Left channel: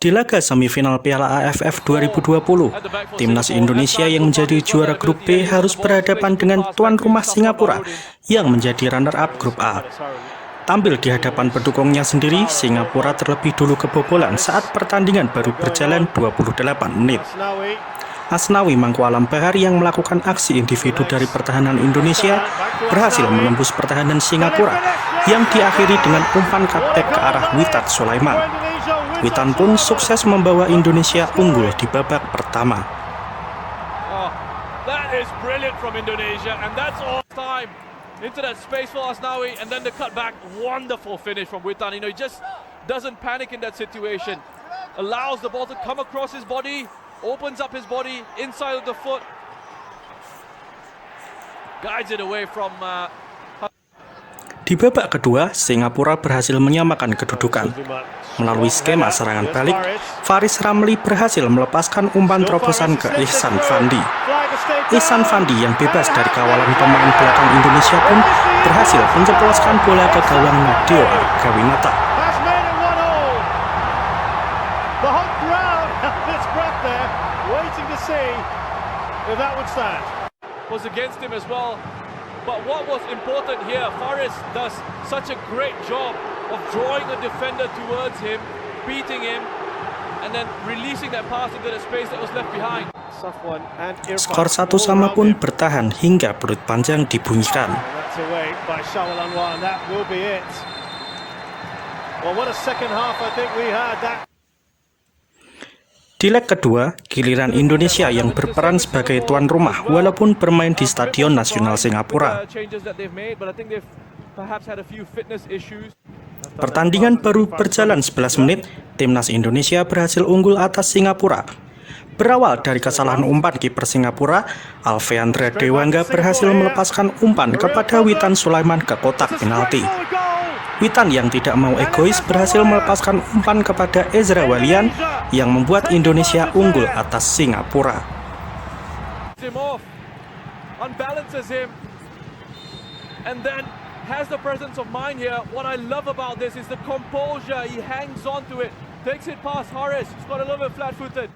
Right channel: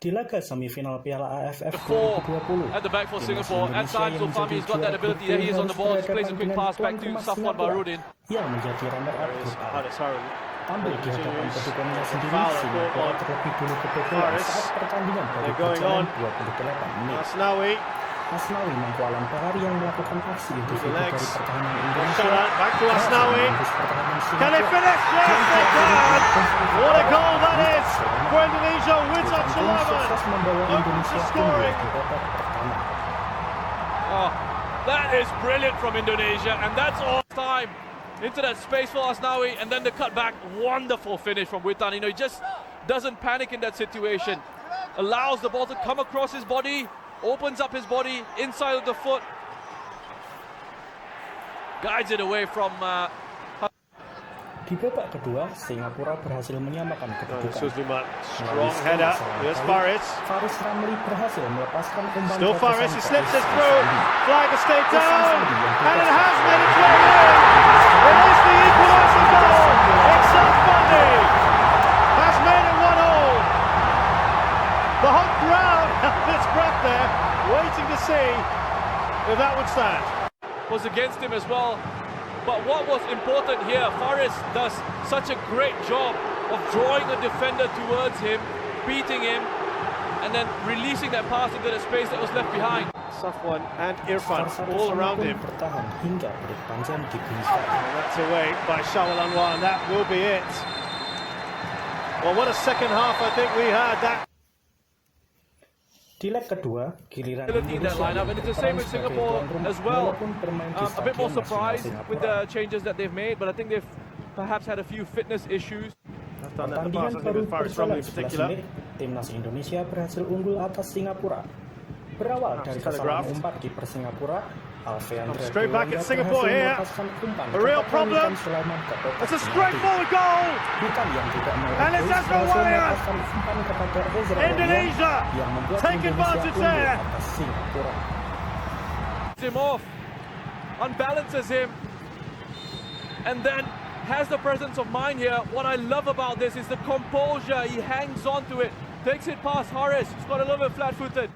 Di laga semifinal Piala AFF 2020, timnas Indonesia yang menjadi juara grup B harus berhadapan dengan tuan rumah Singapura yang menjadi runner-up grup A. Tampil di hadapan pendukungnya sendiri, Singapura terlebih dulu kebobolan saat pertandingan baru berjalan 28 menit. Asnawi Mangkualam Bahar yang melakukan aksi individu dari pertahanan Indonesia berhasil menembus pertahanan Singapura yang diakhiri dengan umpan kapten ke arah Witan Sulaiman. Witan pun sukses membawa Indonesia unggul di babak pertama. Oh, that is brilliant from Indonesia, and that's all time into that space for Asnawi, and then the cutback, wonderful finish from Witan. He just doesn't panic in that situation, allows the ball to come across his body, opens up his body inside of the foot, guides it away from. Di babak kedua, Singapura berhasil menyamakan kedudukan. Melalui skema serangan balik, Faris Ramli berhasil melepaskan umpan terobosan ke Ihsan Fandi. Ihsan Fandi yang bebas dari kawalan pemain belakang Indonesia pun berhasil menjebloskan bola ke gawang Dio Kawinata. The whole crowd held its breath there, waiting to see if that would stand. Was against him as well. But what was important here, Faris does such a great job of drawing a defender towards him, beating him, and then releasing that pass into the space that was left behind. Skor 1-1 pun bertahan hingga peluit panjang dibunyikan. That's away by Shawal Anwar, and that will be it. Well, what a second half I think we had. Di leg kedua, giliran Indonesia yang berperan sebagai tuan rumah walaupun bermain di Stadion Nasional Singapura. Pertandingan baru berjalan 11 menit, timnas Indonesia berhasil unggul atas Singapura. Berawal dari kesalahan umpan kiper Singapura, Alveandra Dewangga berhasil melepaskan umpan kepada Witan Sulaiman ke kotak penalti. Witan yang tidak mau egois berhasil melepaskan umpan kepada Ezra Walian yang membuat Indonesia unggul atas Singapura. Unbalances him, and then has the presence of mind here. What I love about this is the composure. He hangs on to it, takes it past Haris. He's got a little bit flat-footed.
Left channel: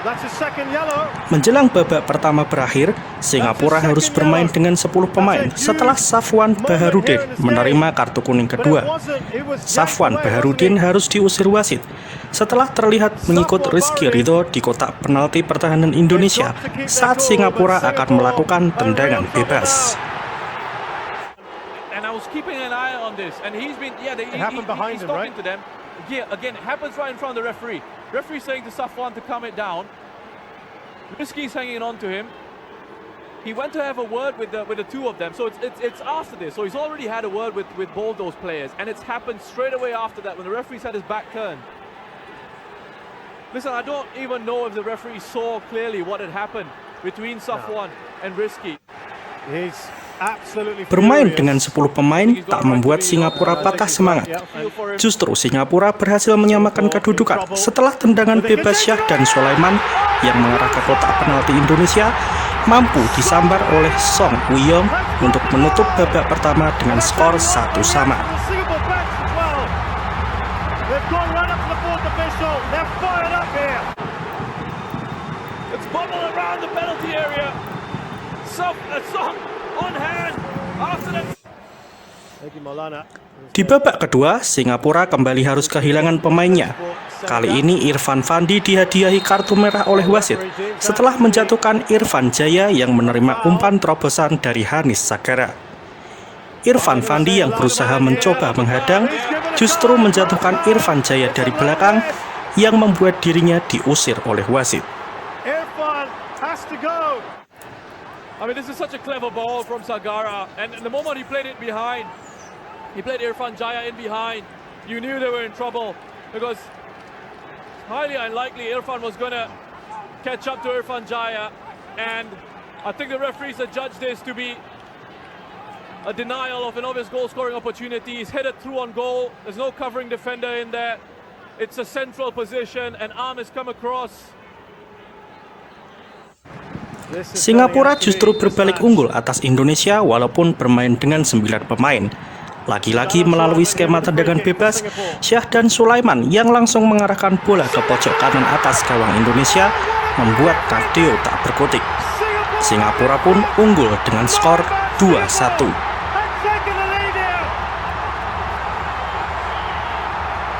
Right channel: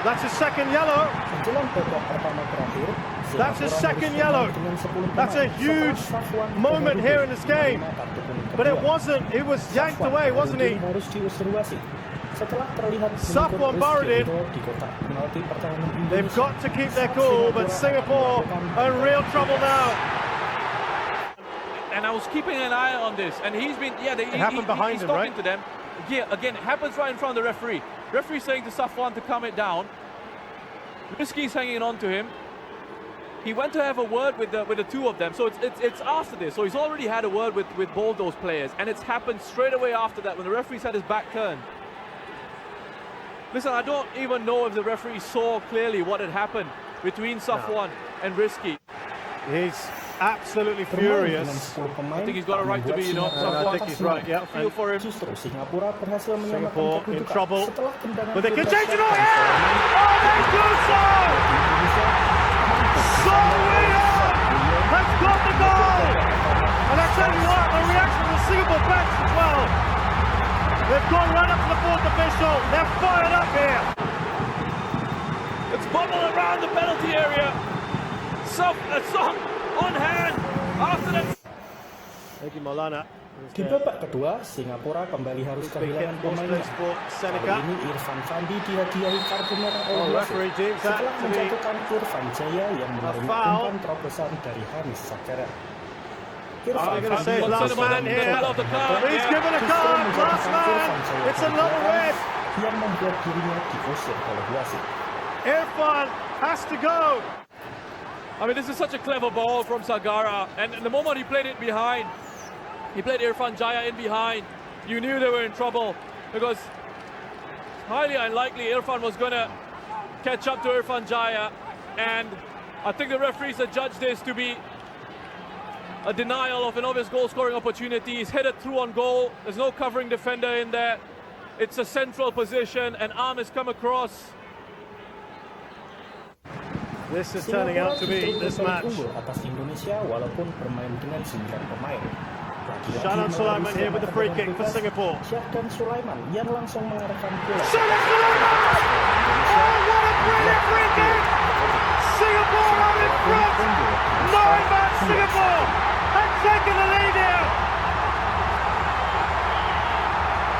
That's his second yellow. Menjelang babak pertama berakhir, Singapura harus bermain dengan 10 pemain setelah Safwan Baharudin menerima kartu kuning kedua. Safwan Baharudin harus diusir wasit setelah terlihat mengikut Rizky Ridho di kotak penalti pertahanan Indonesia saat Singapura akan melakukan tendangan bebas. And I was keeping an eye on this, and he's been, he's talking to them. Yeah, again, it happens right in front of the referee. Referee saying to Safwan to calm it down. Rizky's hanging on to him. He went to have a word with the two of them. So it's after this. So he's already had a word with both those players, and it's happened straight away after that when the referee's had his back turned. Listen, I don't even know if the referee saw clearly what had happened between Safwan and Rizky. He's Bermain dengan 10 pemain tak membuat Singapura patah semangat. Justru Singapura berhasil menyamakan kedudukan setelah tendangan bebas Syah dan Sulaiman yang mengarah ke kotak penalti Indonesia mampu disambar oleh Song Wiyom untuk menutup babak pertama dengan skor 1-1. Di babak kedua, Singapura kembali harus kehilangan pemainnya. Kali ini Irfan Fandi dihadiahi kartu merah oleh wasit setelah menjatuhkan Irfan Jaya yang menerima umpan terobosan dari Hanis Sagara. Irfan Fandi yang berusaha mencoba menghadang justru menjatuhkan Irfan Jaya dari belakang yang membuat dirinya diusir oleh wasit. Irfan has to go. I mean, this is such a clever ball from Sagara, and the moment he played it behind, he played Irfan Jaya in behind, you knew they were in trouble, because it's highly unlikely Irfan was going to catch up to Irfan Jaya, and I think the referees had judged this to be a denial of an obvious goal-scoring opportunity. He's headed through on goal, there's no covering defender in there, it's a central position, and arm has come across. Singapura justru berbalik unggul atas Indonesia walaupun bermain dengan 9 pemain. Lagi-lagi melalui skema tendangan bebas, Syahdan Sulaiman yang langsung mengarahkan bola ke pojok kanan atas gawang Indonesia membuat Nadeo tak berkutik. Singapura pun unggul dengan skor 2-1.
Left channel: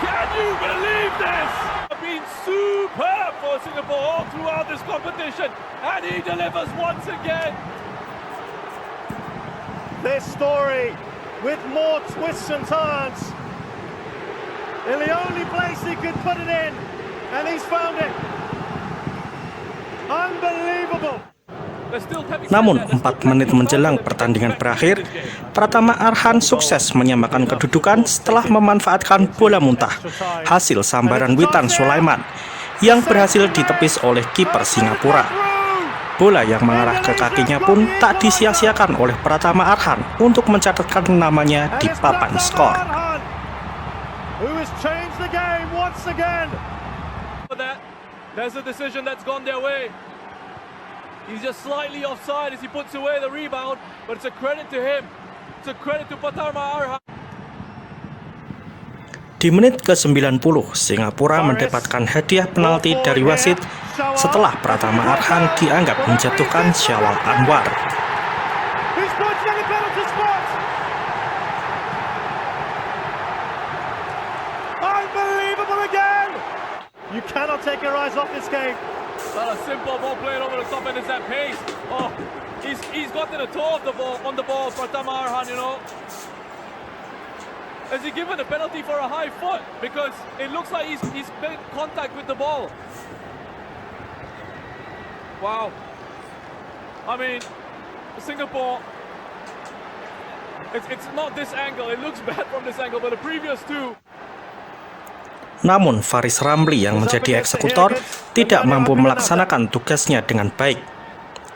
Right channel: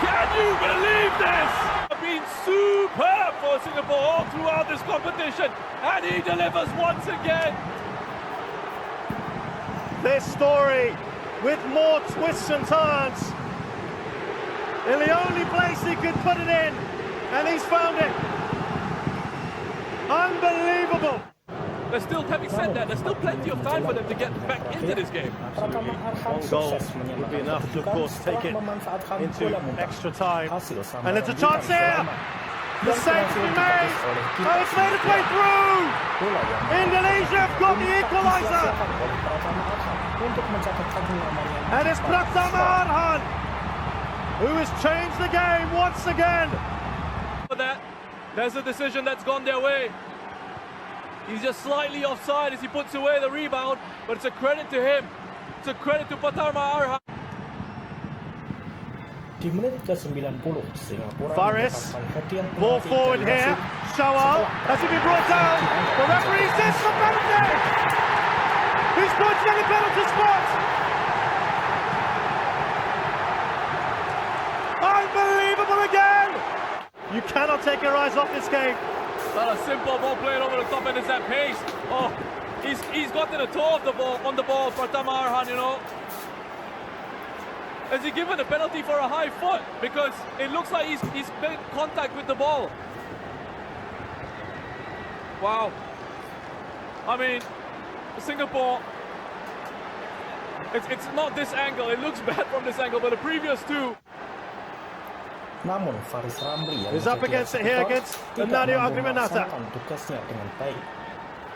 Can you believe this? Been superb for Singapore all throughout this competition, and he delivers once again. This story with more twists and turns. In the only place he could put it in, and he's found it. Unbelievable. Namun 4 menit menjelang pertandingan berakhir, Pratama Arhan sukses menyamakan kedudukan setelah memanfaatkan bola muntah hasil sambaran witan Sulaiman yang berhasil ditepis oleh kiper Singapura. Bola yang mengarah ke kakinya pun tak disia-siakan oleh Pratama Arhan untuk mencatatkan namanya di papan skor. There's a decision that's gone their way. He's just slightly offside as he puts away the rebound, but it's a credit to him. It's a credit to Pratama Arhan. Di menit ke-90, Singapura mendapatkan hadiah penalti dari wasit setelah Pratama Arhan dianggap menjatuhkan Syawal Anwar. Unbelievable again! You cannot take your eyes off this game. Well, a simple ball played over the top and it's that pace. Oh, he's got to the toe of the ball on the ball, Pratama Arhan, you know. Has he given a penalty for a high foot? Because it looks like he's made contact with the ball. Wow. I mean, Singapore, it's not this angle. It looks bad from this angle, but the previous two. Namun Faris Ramli yang menjadi eksekutor tidak mampu melaksanakan tugasnya dengan baik.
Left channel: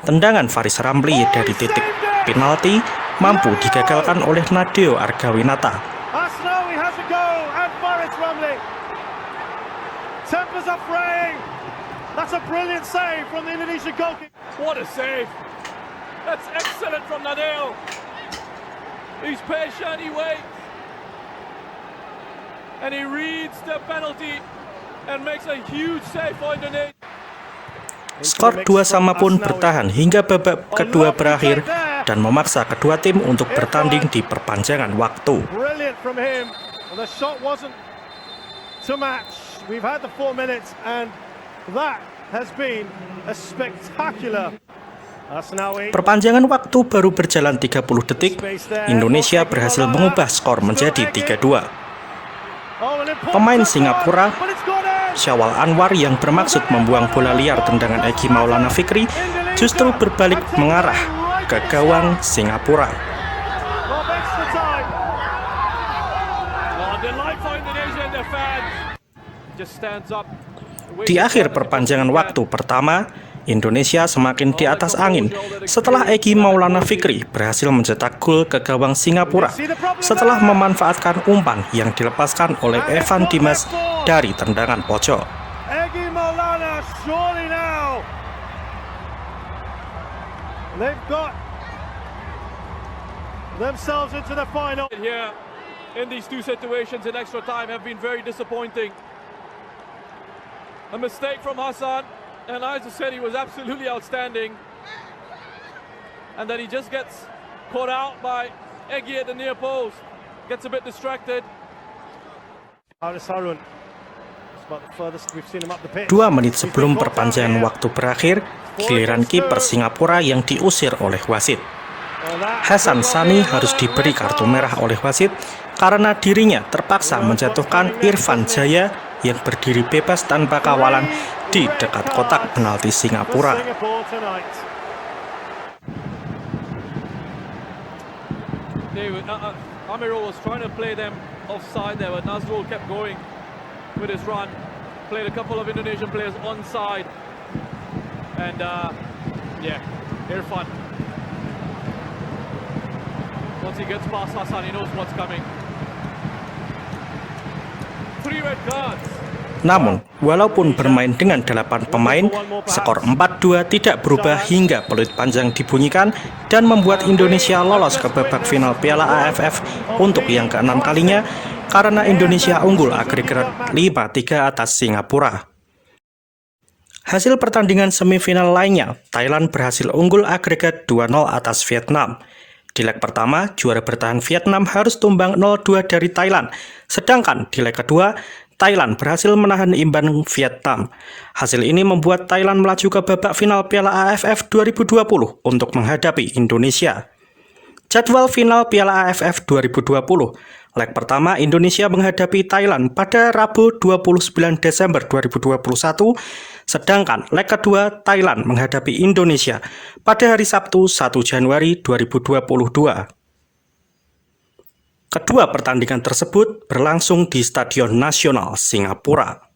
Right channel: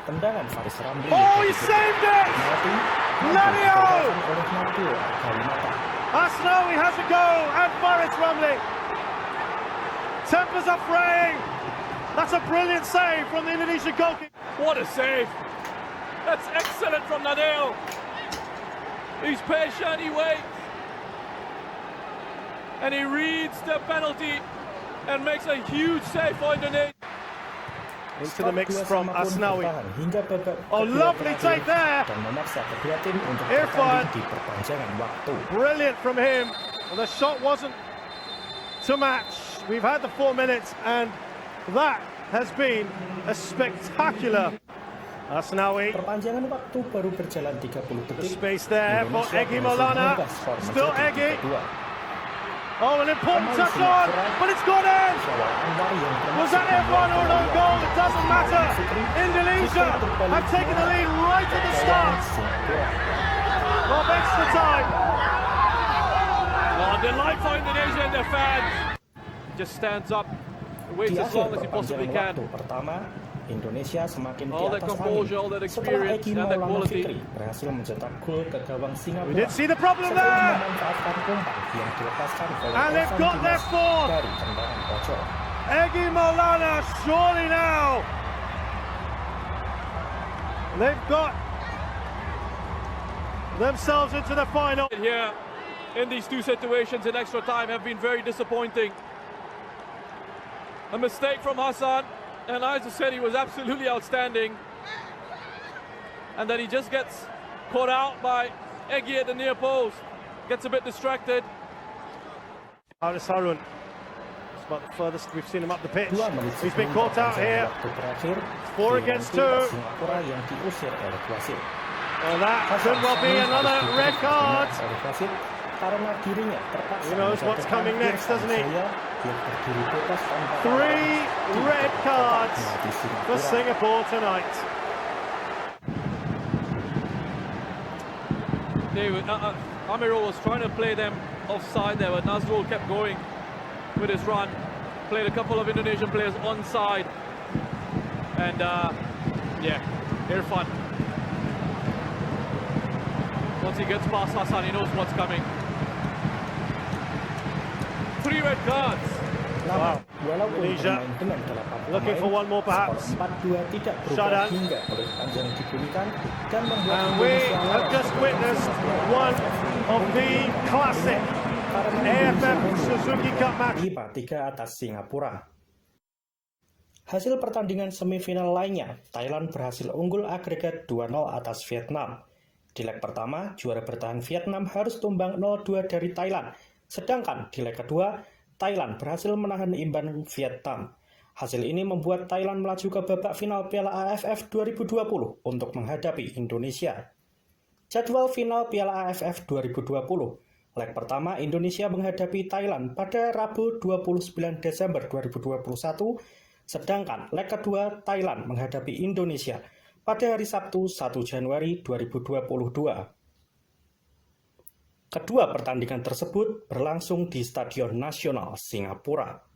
Tendangan Faris Ramli dari titik penalti mampu digagalkan oleh Nadeo Argawinata. Asnawi has a go and Faris Ramli. Tempers are fraying. That's a brilliant save from the Indonesian goalkeeper. What a save. That's excellent from Nadeo. He's patient, he waits. And he reads the penalty and makes a huge save for Indonesia. Skor 2-2 pun bertahan hingga babak kedua berakhir dan memaksa kedua tim untuk bertanding di perpanjangan waktu. Brilliant from him. Well, the shot wasn't to match. We've had the 4 minutes and that has been a spectacular. Perpanjangan waktu baru berjalan 30 detik. Indonesia berhasil mengubah skor menjadi 3-2. Pemain Singapura, Syawal Anwar yang bermaksud membuang bola liar tendangan Egy Maulana Fikri justru berbalik mengarah ke gawang Singapura. Di akhir perpanjangan waktu pertama, Indonesia semakin di atas angin setelah Egy Maulana Fikri berhasil mencetak gol ke gawang Singapura setelah memanfaatkan umpan yang dilepaskan oleh Evan Dimas dari tendangan pojok. Egy Maulana surely now. They've got themselves into the final. Here in these two situations in extra time have been very disappointing. A mistake from Hassan. And as I said, he was absolutely outstanding. And then he just gets caught out by Egy at the near post. Gets a bit distracted. 2 menit sebelum perpanjangan waktu berakhir, giliran kiper Singapura yang diusir oleh wasit. Hasan Sami harus diberi kartu merah oleh wasit karena dirinya terpaksa menjatuhkan Irfan Jaya yang berdiri bebas tanpa kawalan di dekat kotak penalti Singapura. Amirul was trying to play them offside there, but Nazrul kept going with his run. Played a couple of Indonesian players onside. And yeah, Irfan. Once he gets past Hassan, he knows what's coming. 3 red cards. Namun, walaupun bermain dengan 8 pemain, skor 4-2 tidak berubah hingga peluit panjang dibunyikan dan membuat Indonesia lolos ke babak final Piala AFF untuk yang ke-6 kalinya karena Indonesia unggul agregat 5-3 atas Singapura. Hasil pertandingan semifinal lainnya, Thailand berhasil unggul agregat 2-0 atas Vietnam. Di leg pertama, juara bertahan Vietnam harus tumbang 0-2 dari Thailand, sedangkan di leg kedua, Thailand berhasil menahan imbang Vietnam. Hasil ini membuat Thailand melaju ke babak final Piala AFF 2020 untuk menghadapi Indonesia. Jadwal final Piala AFF 2020, leg pertama Indonesia menghadapi Thailand pada Rabu 29 Desember 2021, sedangkan leg kedua Thailand menghadapi Indonesia pada hari Sabtu 1 Januari 2022. Kedua pertandingan tersebut berlangsung di Stadion Nasional Singapura.